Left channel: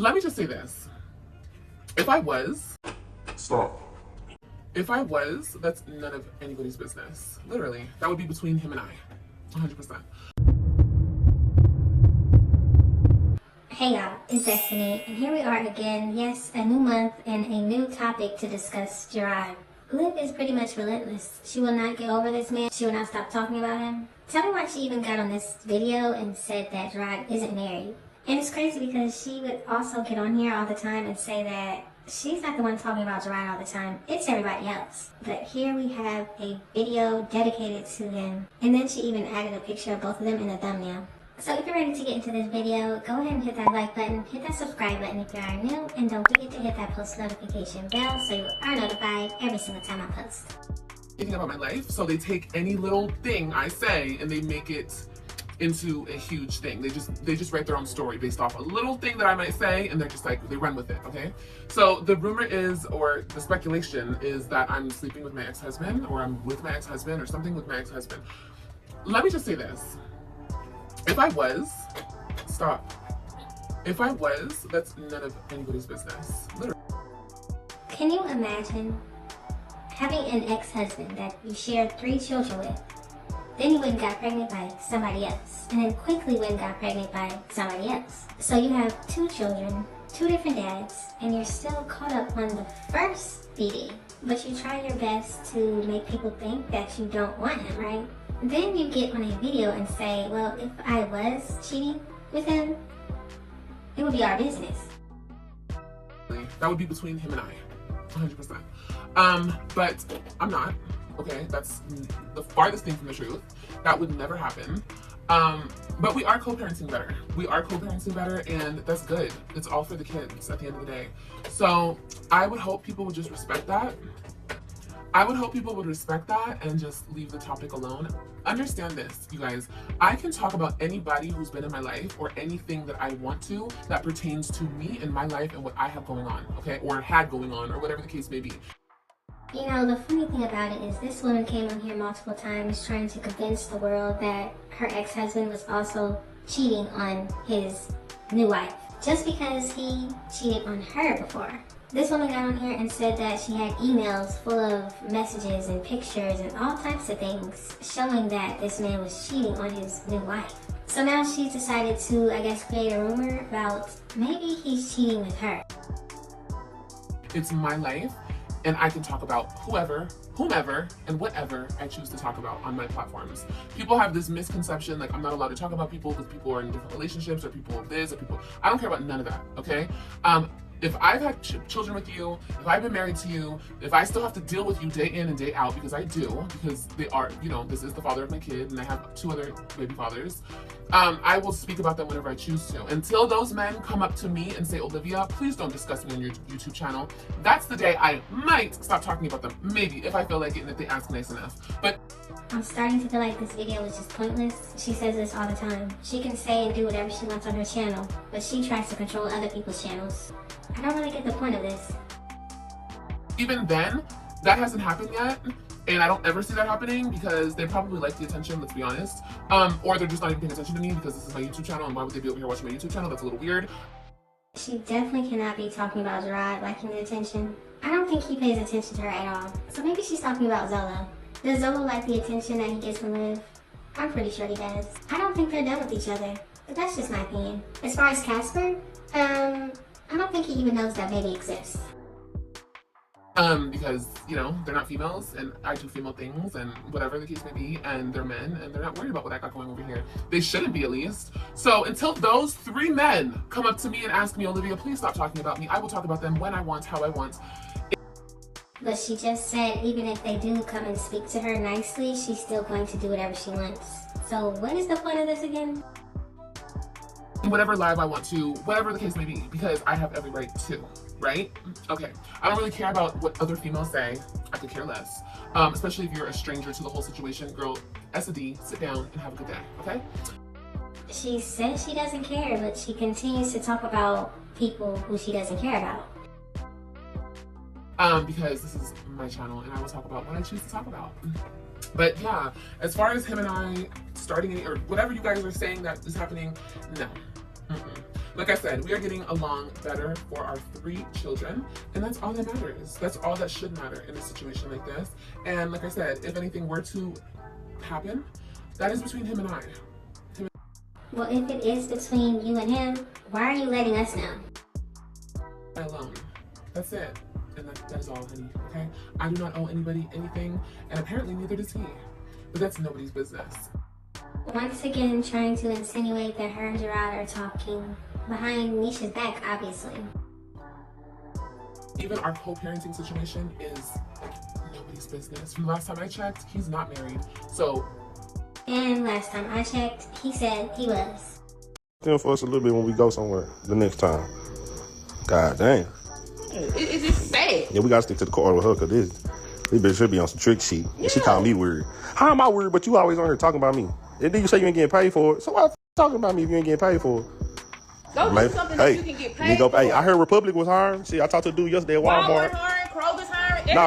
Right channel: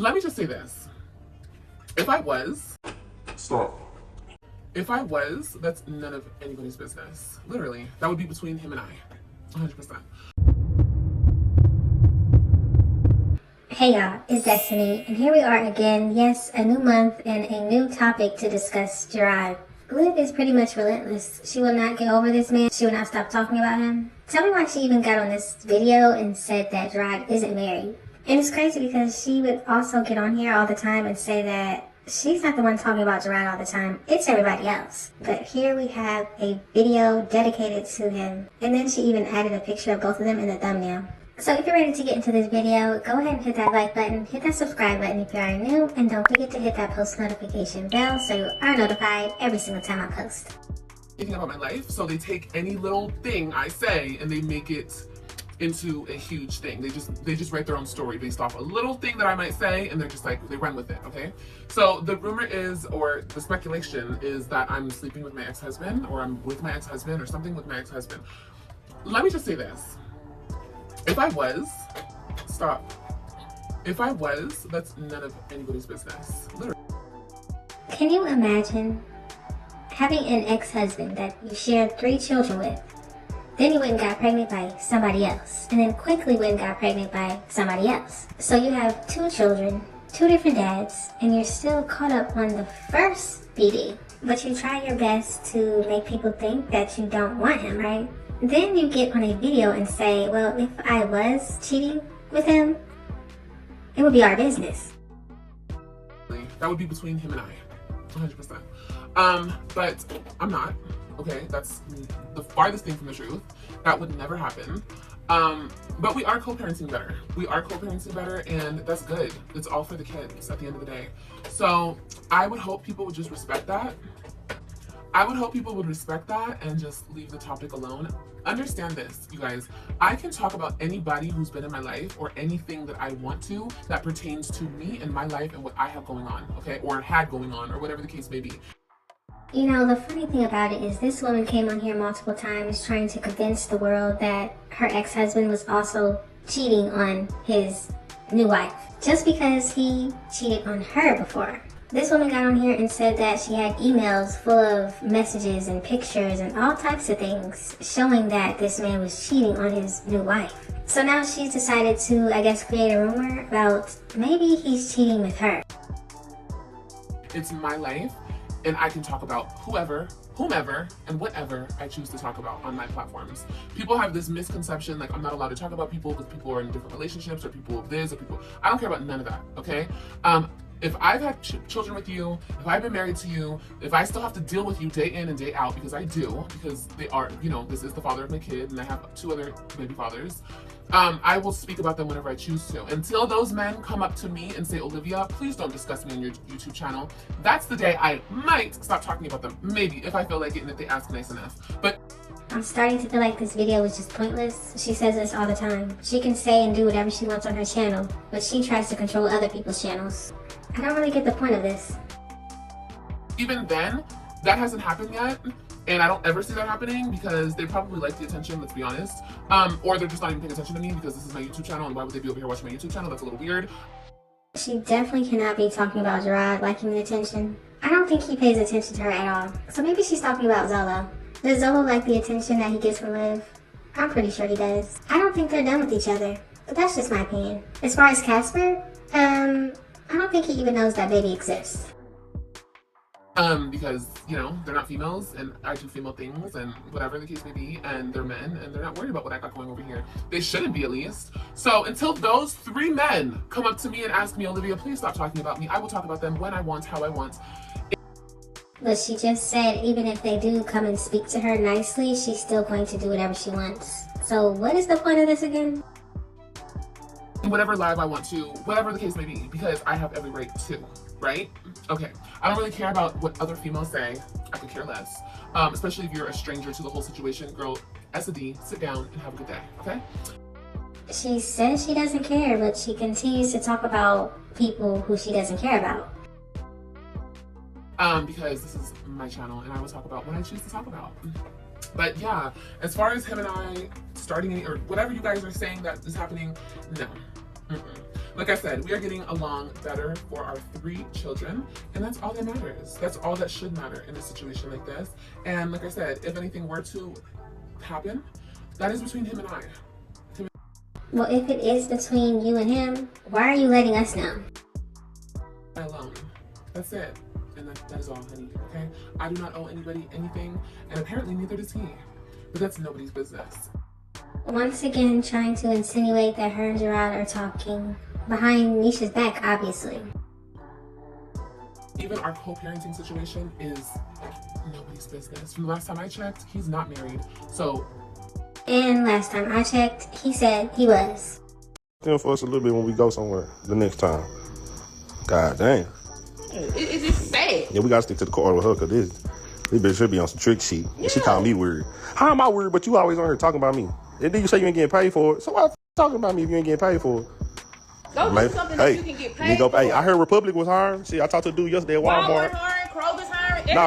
Let me just say this. If I was, Stop. if I was, that's none of anybody's business. Literally. That would be between him and I. 100%. Hey y'all, it's Destiny, and here we are again. Yes, a new month and a new topic to discuss, Jerrod. Liv is pretty much relentless. She will not get over this man. She will not stop talking about him. Tell me why she even got on this video and said that Jerrod isn't married. And it's crazy because she would also get on here all the time and say that she's not the one talking about Jerrod all the time. It's everybody else. But here we have a video dedicated to him. And then she even added a picture of both of them in the thumbnail. So if you're ready to get into this video, go ahead and hit that like button, hit that subscribe button if you are new, and don't forget to hit that post notification bell so you are notified every single time I post. Thinking about my life, so they take any little thing I say and they make it into a huge thing. They just write their own story based off a little thing that I might say, and they're just like, they run with it, okay? So the rumor is, or the speculation is that I'm sleeping with my ex-husband, or I'm with my ex-husband, or something with my ex-husband. Let me just say this. If I was, stop. If I was, that's none of anybody's business. Literally. Can you imagine having an ex-husband that you shared 3 children with, then you went and got pregnant by somebody else, and then quickly went and got pregnant by somebody else? So you have 2 children, 2 different dads, and you're still caught up on the first BD, but you try your best to make people think that you don't want him, right? Then you get on a video and say, well, if I was cheating with him, it would be our business. That would be between him and I, 100%. But I'm not, okay? That's the farthest thing from the truth. That would never happen. But we are co-parenting better. We are co-parenting better, and that's good. It's all for the kids at the end of the day. So I would hope people would just respect that. I would hope people would respect that and just leave the topic alone. Understand this, you guys. I can talk about anybody who's been in my life or anything that I want to that pertains to me and my life and what I have going on, okay? Or had going on, or whatever the case may be. You know, the funny thing about it is this woman came on here multiple times trying to convince the world that her ex-husband was also cheating on his new wife just because he cheated on her before. This woman got on here and said that she had emails full of messages and pictures and all types of things showing that this man was cheating on his new wife. So now she's decided to, I guess, create a rumor about maybe he's cheating with her. It's my life, and I can talk about whoever, whomever, and whatever I choose to talk about on my platforms. People have this misconception like I'm not allowed to talk about people because people are in different relationships, or people this, or people... I don't care about none of that, okay? If I've had children with you, if I've been married to you, if I still have to deal with you day in and day out, because I do, because they are, you know, this is the father of my kid, and I have 2 other baby fathers, I will speak about them whenever I choose to. Until those men come up to me and say, Olivia, please don't discuss me on your YouTube channel, that's the day I might stop talking about them. Maybe, if I feel like it and if they ask nice enough. But I'm starting to feel like this video was just pointless. She says this all the time. She can say and do whatever she wants on her channel, but she tries to control other people's channels. I don't really get the point of this. Even then, that hasn't happened yet, and I don't ever see that happening because they probably like the attention, let's be honest. Or they're just not even paying attention to me because this is my YouTube channel, and why would they be over here watching my YouTube channel? That's a little weird. She definitely cannot be talking about Jerrod liking the attention. I don't think he pays attention to her at all. So maybe she's talking about Zolo. Does Zolo like the attention that he gets from Liv? I'm pretty sure he does. I don't think they're done with each other, but that's just my opinion. As far as Casper, I don't think he even knows that baby exists. Because, you know, they're not females, and I do female things, and whatever the case may be, and they're men, and they're not worried about what I got going over here. They shouldn't be, at least. So until those 3 men come up to me and ask me, Olivia, please stop talking about me, I will talk about them when I want, how I want. But she just said even if they do come and speak to her nicely, she's still going to do whatever she wants. So what is the point of this again? Whatever live I want to, whatever the case may be, because I have every right to, right? Okay, I don't really care about what other females say. I could care less. Especially if you're a stranger to the whole situation. Girl, S&D, sit down and have a good day, okay? She says she doesn't care, but she continues to talk about people who she doesn't care about. Because this is my channel and I will talk about what I choose to talk about. But yeah, as far as him and I starting any, or whatever you guys are saying that is happening, no. Like I said, we are getting along better for our 3 children, and that's all that matters. That's all that should matter in a situation like this. And like I said, if anything were to happen, that is between him and I. Well, if it is between you and him, why are you letting us know? Alone. That's it. And that is all, honey. Okay? I do not owe anybody anything, and apparently neither does he. But that's nobody's business. Once again, trying to insinuate that her and Jerrod are talking behind Nisha's back, obviously. Even our co-parenting situation is like nobody's business. From the last time I checked, he's not married. So. And last time I checked, he said he was. Stand for us a little bit when we go somewhere the next time. God damn. It's just sad. Yeah, we gotta stick to the core with her, cause this bitch should be on some trick sheet. Yeah. She called me weird. How am I weird? But you always on here talking about me. And then you say you ain't getting paid for it. So why talking about me if you ain't getting paid for it? Go do something that you can get paid for. Hey, I heard Republic was hiring. See, I talked to a dude yesterday at Walmart. Walmart hiring, Kroger's hiring, Nah,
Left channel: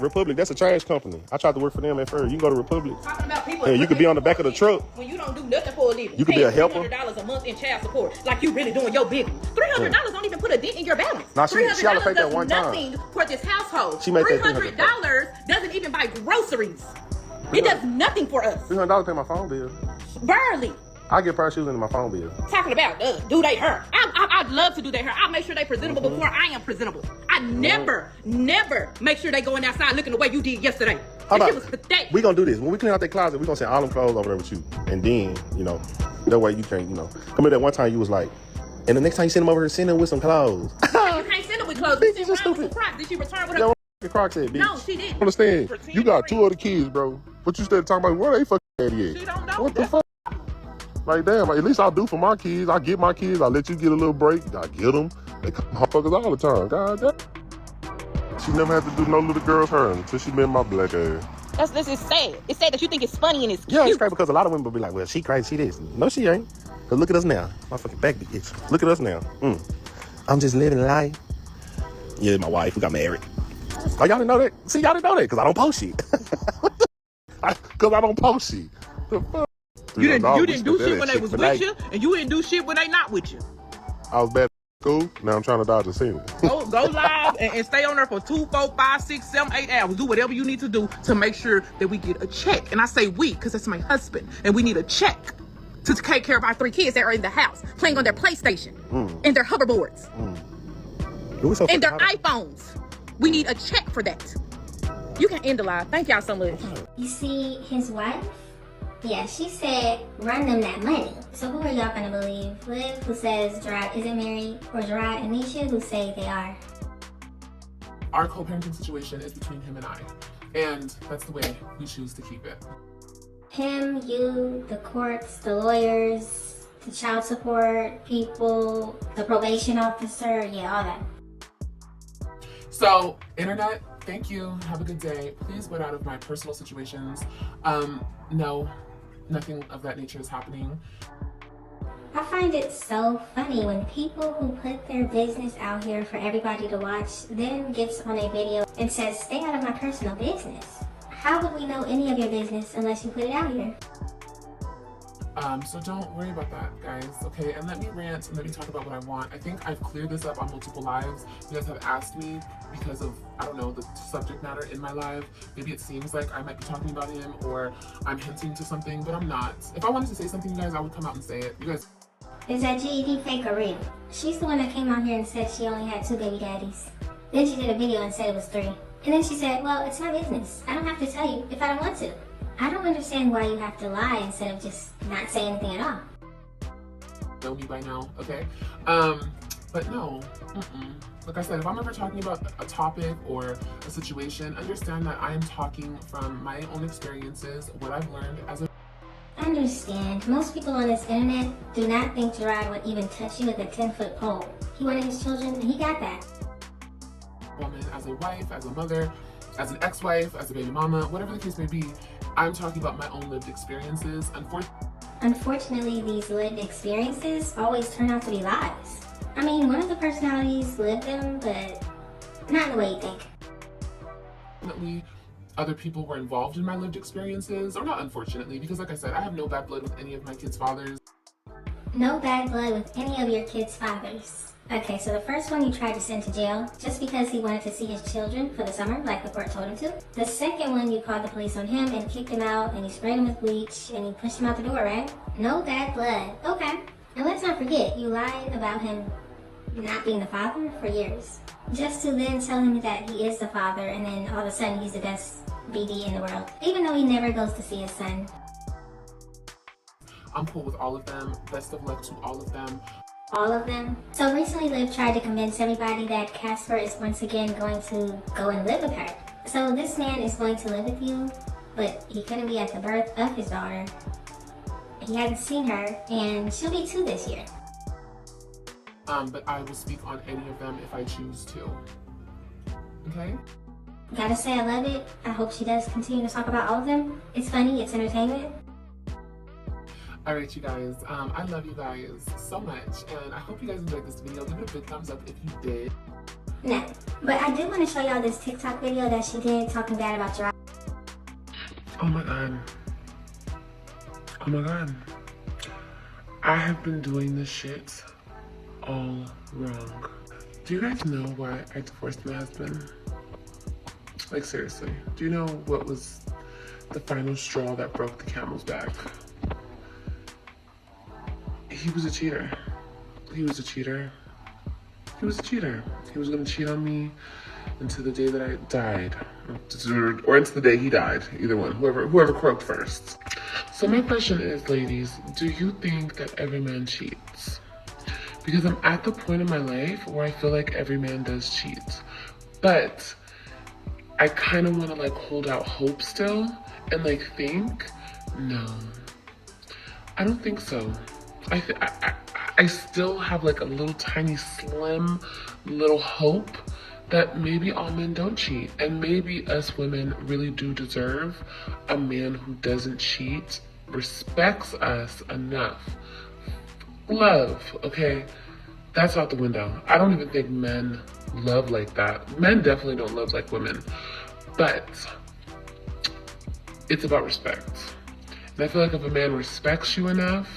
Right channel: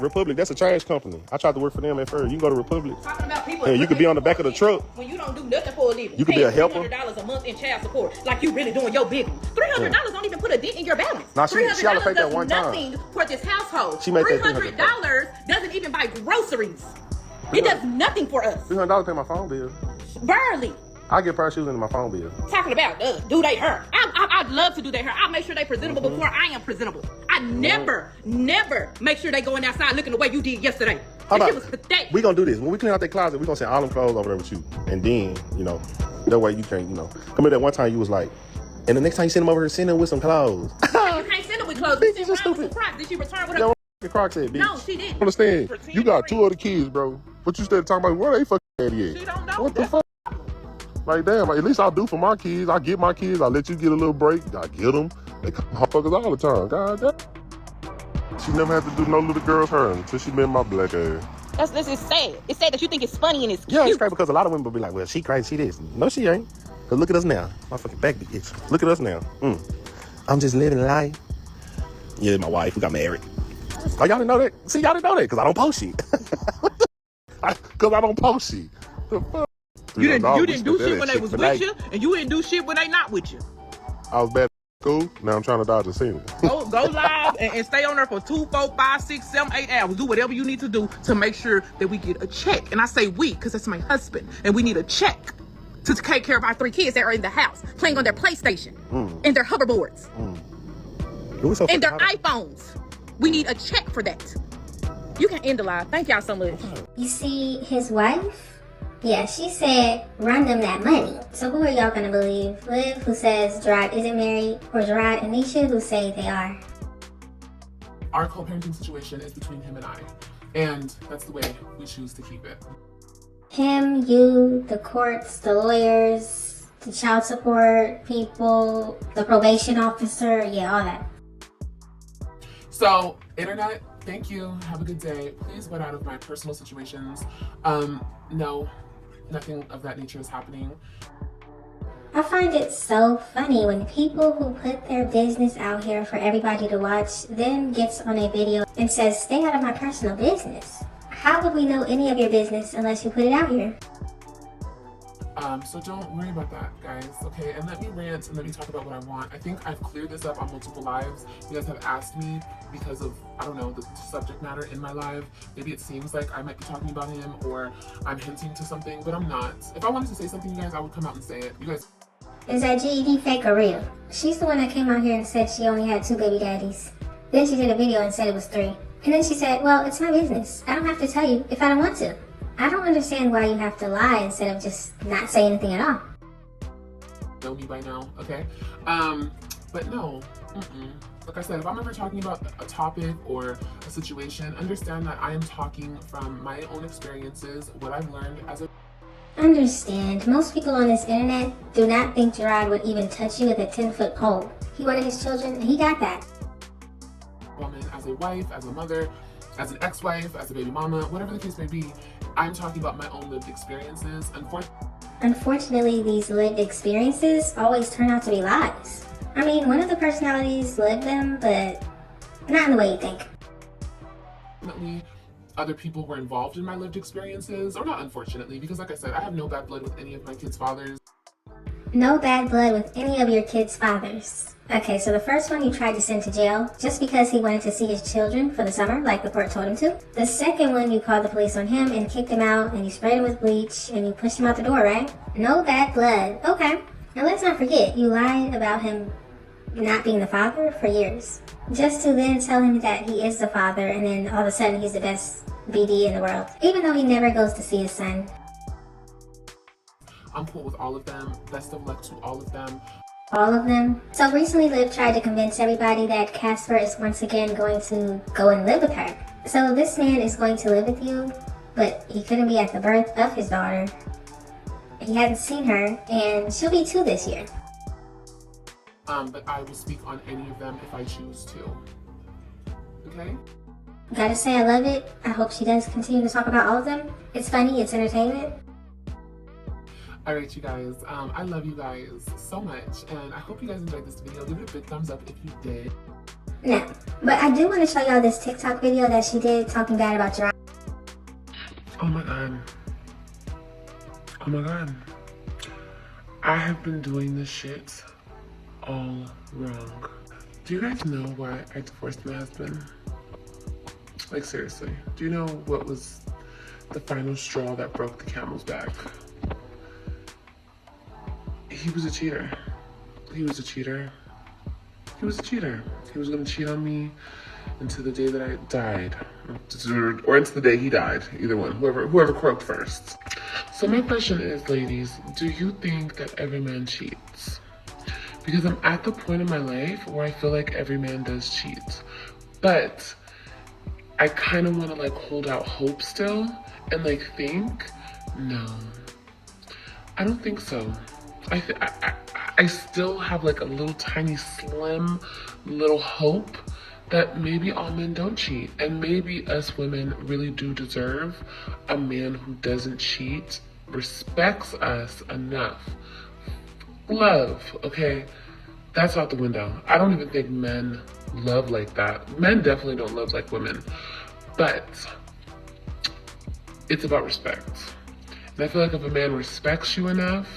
Republic, that's a trash company. I tried to work for them at first. You can go to Republic. Talking about people. Yeah, you could be on the back of the truck. When you don't do nothing for a living. You could be a helper. $300 a month in child support, like you really doing your big one. $300 don't even put a dent in your balance. Nah, she ought to pay that one time. Nothing for this household. She made that $300 doesn't even buy groceries. It does nothing for us. $300 pay my phone bill. Barely. I get a pair of shoes into my phone bill. Talking about do they hair. I'd love to do their hair. I make sure they presentable before I am presentable. I never make sure they going outside looking the way you did yesterday. How about, it was pathetic. We gonna do this. When we clean out that closet, we gonna send all them clothes over there with you. And then, that way you can't, come here that one time you was like, and the next time you send them over here, send them with some clothes. You can't send them with clothes. You send them with some Crocs. Did she return with her? The Crocs said, bitch. No, she didn't. Understand? You got 2 other kids, bro. But you started talking about where they fucking daddy at? She don't know. What the fuck? Like, damn, at least I'll do for my kids. I get my kids. I let you get a little break. I get them. They come motherfuckers all the time. God damn. She never had to do no little girl's hair until she met my black ass. This is sad. It's sad that you think it's funny and it's cute. Yeah, it's crazy because a lot of women will be like, well, she crazy, she this. No, she ain't. Because look at us now. My fucking back be itch. Look at us now. I'm just living life. Yeah, my wife. We got married. Oh, y'all didn't know that? See, y'all didn't know that because I don't post shit. Because I don't post shit. The fuck? You didn't do shit when they was with you, and you didn't do shit when they not with you. I was bad at school. Now I'm trying to dodge the scene. Go live and stay on there for 2, 4, 5, 6, 7, 8 hours. Do whatever you need to do to make sure that we get a check. And I say we, because that's my husband. And we need a check to take care of our 3 kids that are in the house, playing on their PlayStation, and their hoverboards, and their iPhones. We need a check for that. You can end the live. Thank y'all so much. You see, his wife? Yeah, she said, run them that money. So who are y'all gonna believe? Liv, who says Jerrod isn't married, or Jerrod and Nisha, who say they are? Our co-parenting situation is between him and I. And that's the way we choose to keep it. Him, you, the courts, the lawyers, the child support people, the probation officer, yeah, all that. So, internet, thank you. Have a good day. Please get out of my personal situations. No, nothing of that nature is happening. I find it so funny when people who put their business out here for everybody to watch then gets on a video and says, stay out of my personal business. How would we know any of your business unless you put it out here? So don't worry about that, guys, okay? And let me rant and let me talk about what I want. I think I've cleared this up on multiple lives. You guys have asked me because of, I don't know, the subject matter in my live. Maybe it seems like I might be talking about him or I'm hinting to something, but I'm not. If I wanted to say something, you guys, I would come out and say it. You guys. Is that GED fake or real? She's the one that came out here and said she only had 2 baby daddies. Then she did a video and said it was 3. And then she said, well, it's my business. I don't have to tell you if I don't want to. I don't understand why you have to lie instead of just not say anything at all. Know me by now, okay? But no. Like I said, if I'm ever talking about a topic or a situation, understand that I am talking from my own experiences, what I've learned as a... Understand, most people on this internet do not think Jerrod would even touch you with a 10-foot pole. He wanted his children, and he got that. Woman, as a wife, as a mother, as an ex-wife, as a baby mama, whatever the case may be, I'm talking about my own lived experiences. Unfortunately, these lived experiences always turn out to be lies. I mean, one of the personalities lived them, but not in the way you think. Unfortunately, other people were involved in my lived experiences, or not unfortunately, because like I said, I have no bad blood with any of my kids' fathers. No bad blood with any of your kids' fathers. Okay, so the first one you tried to send to jail just because he wanted to see his children for the summer, like the court told him to. The second one, you called the police on him and kicked him out, and you sprayed him with bleach, and you pushed him out the door, right? No bad blood. Okay. Now let's not forget, you lied about him not being the father for years. Just to then tell him that he is the father, and then all of a sudden he's the best BD in the world, even though he never goes to see his son. I'm cool with all of them. Best of luck to all of them. All of them. So recently Liv tried to convince everybody that Casper is once again going to go and live with her. So this man is going to live with you, but he couldn't be at the birth of his daughter. He hadn't seen her, and she'll be 2 this year. But I will speak on any of them if I choose to. Okay? Gotta say I love it. I hope she does continue to talk about all of them. It's funny, it's entertainment. Alright, you guys. I love you guys so much, and I hope you guys enjoyed this video. Give it a big thumbs up if you did. No, but I do want to show y'all this TikTok video that she did talking bad about Jerrod. Oh my god. Oh my god. I have been doing this shit all wrong. Do you guys know why I divorced my husband? Like, seriously. Do you know what was the final straw that broke the camel's back? He was a cheater. He was a cheater. He was a cheater. He was gonna cheat on me until the day that I died. Or until the day he died. Either one. Whoever croaked first. So my question is, ladies, do you think that every man cheats? Because I'm at the point in my life where I feel like every man does cheat. But I kind of want to like hold out hope still and like think, no, I don't think so. I still have like a little tiny slim little hope that maybe all men don't cheat, and maybe us women really do deserve a man who doesn't cheat, respects us enough. Love, okay? That's out the window. I don't even think men love like that. Men definitely don't love like women, but it's about respect. And I feel like if a man respects you enough,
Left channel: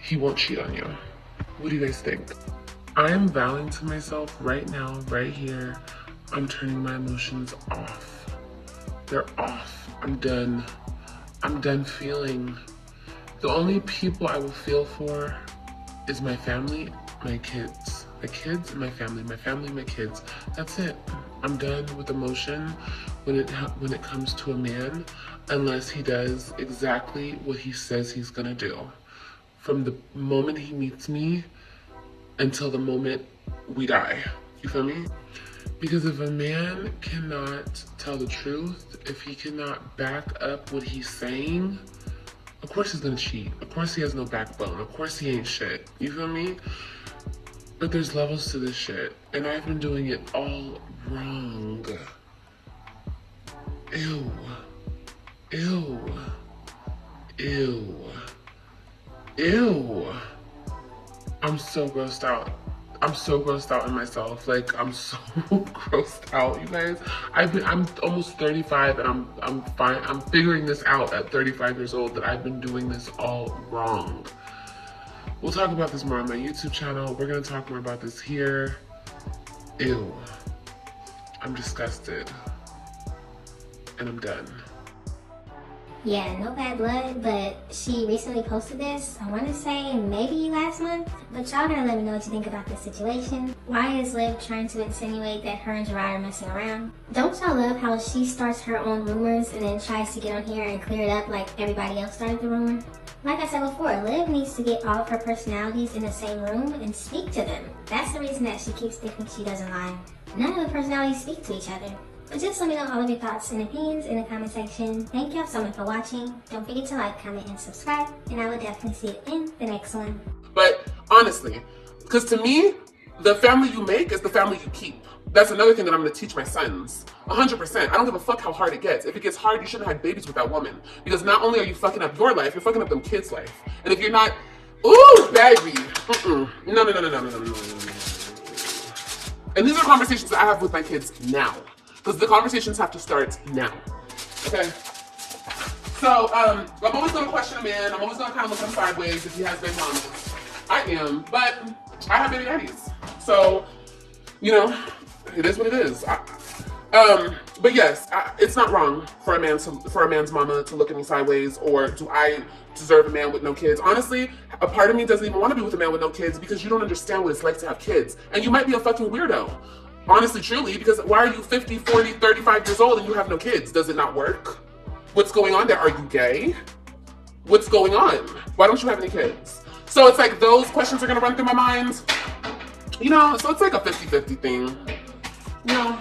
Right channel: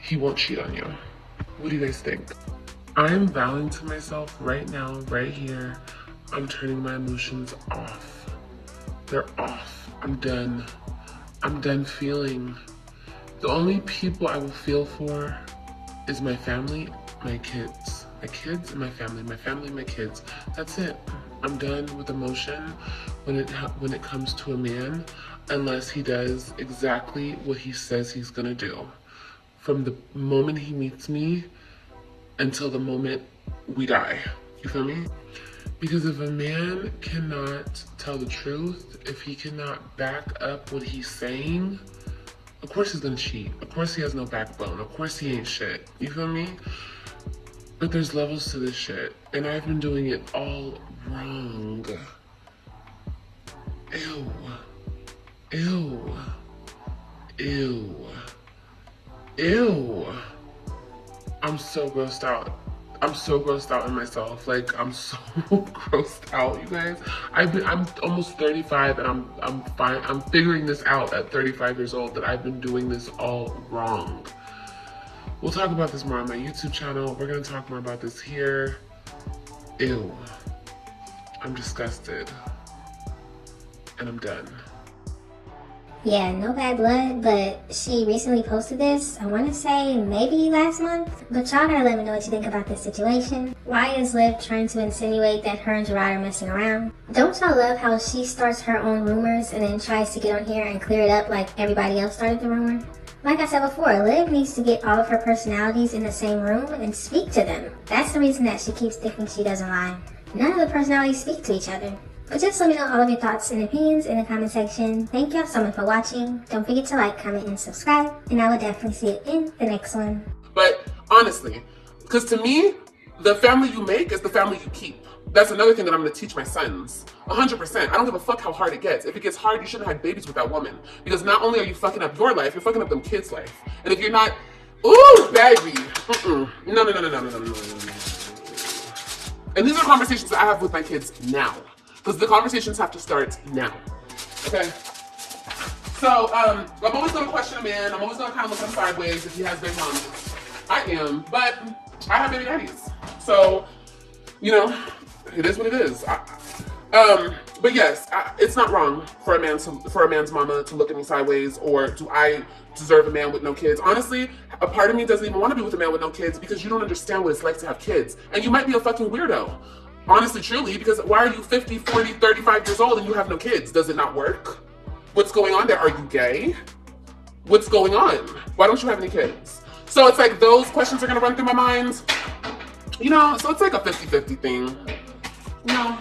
he won't cheat on you. What do you guys think? I'm vowing to myself right now, right here, I'm turning my emotions off. They're off. I'm done. I'm done feeling. The only people I will feel for is my family, my kids. My kids and my family. My family, my kids. That's it. I'm done with emotion when it comes to a man, unless he does exactly what he says he's gonna do. From the moment he meets me until the moment we die. You feel me? Because if a man cannot tell the truth, if he cannot back up what he's saying, of course he's gonna cheat. Of course he has no backbone. Of course he ain't shit. You feel me? But there's levels to this shit. And I've been doing it all wrong. Ew. Ew. Ew. Ew. I'm so grossed out. I'm so grossed out in myself. Like, I'm so grossed out, you guys. I'm almost 35 and I'm fine. I'm figuring this out at 35 years old that I've been doing this all wrong. We'll talk about this more on my YouTube channel. We're gonna talk more about this here. Ew. I'm disgusted. And I'm done. Yeah, no bad blood, but she recently posted this, I want to say maybe last month. But y'all gotta let me know what you think about this situation. Why is Liv trying to insinuate that her and Jerrod are messing around? Don't y'all love how she starts her own rumors and then tries to get on here and clear it up like everybody else started the rumor? Like I said before, Liv needs to get all of her personalities in the same room and speak to them. That's the reason that she keeps thinking she doesn't lie. None of the personalities speak to each other. But just let me know all of your thoughts and opinions in the comment section. Thank y'all so much for watching. Don't forget to like, comment, and subscribe. And I will definitely see you in the next one. But honestly, because to me, the family you make is the family you keep. That's another thing that I'm going to teach my sons. 100%. I don't give a fuck how hard it gets. If it gets hard, you shouldn't have had babies with that woman. Because not only are you fucking up your life, you're fucking up them kids' life. And if you're not, ooh, baby. No. And these are conversations that I have with my kids now. Because the conversations have to start now. Okay? So, I'm always going to question a man. I'm always going to kind of look him sideways if he has big mommies. I am, but I have baby daddies. So, you know, it is what it is. But yes, it's not wrong for a man's mama to look at me sideways, or do I deserve a man with no kids? Honestly, a part of me doesn't even want to be with a man with no kids because you don't understand what it's like to have kids. And you might be a fucking weirdo. Honestly, truly, because why are you 50, 40, 35 years old and you have no kids? Does it not work? What's going on there? Are you gay? What's going on? Why don't you have any kids? So it's like those questions are gonna run through my mind. You know, so it's like a 50-50 thing. You know,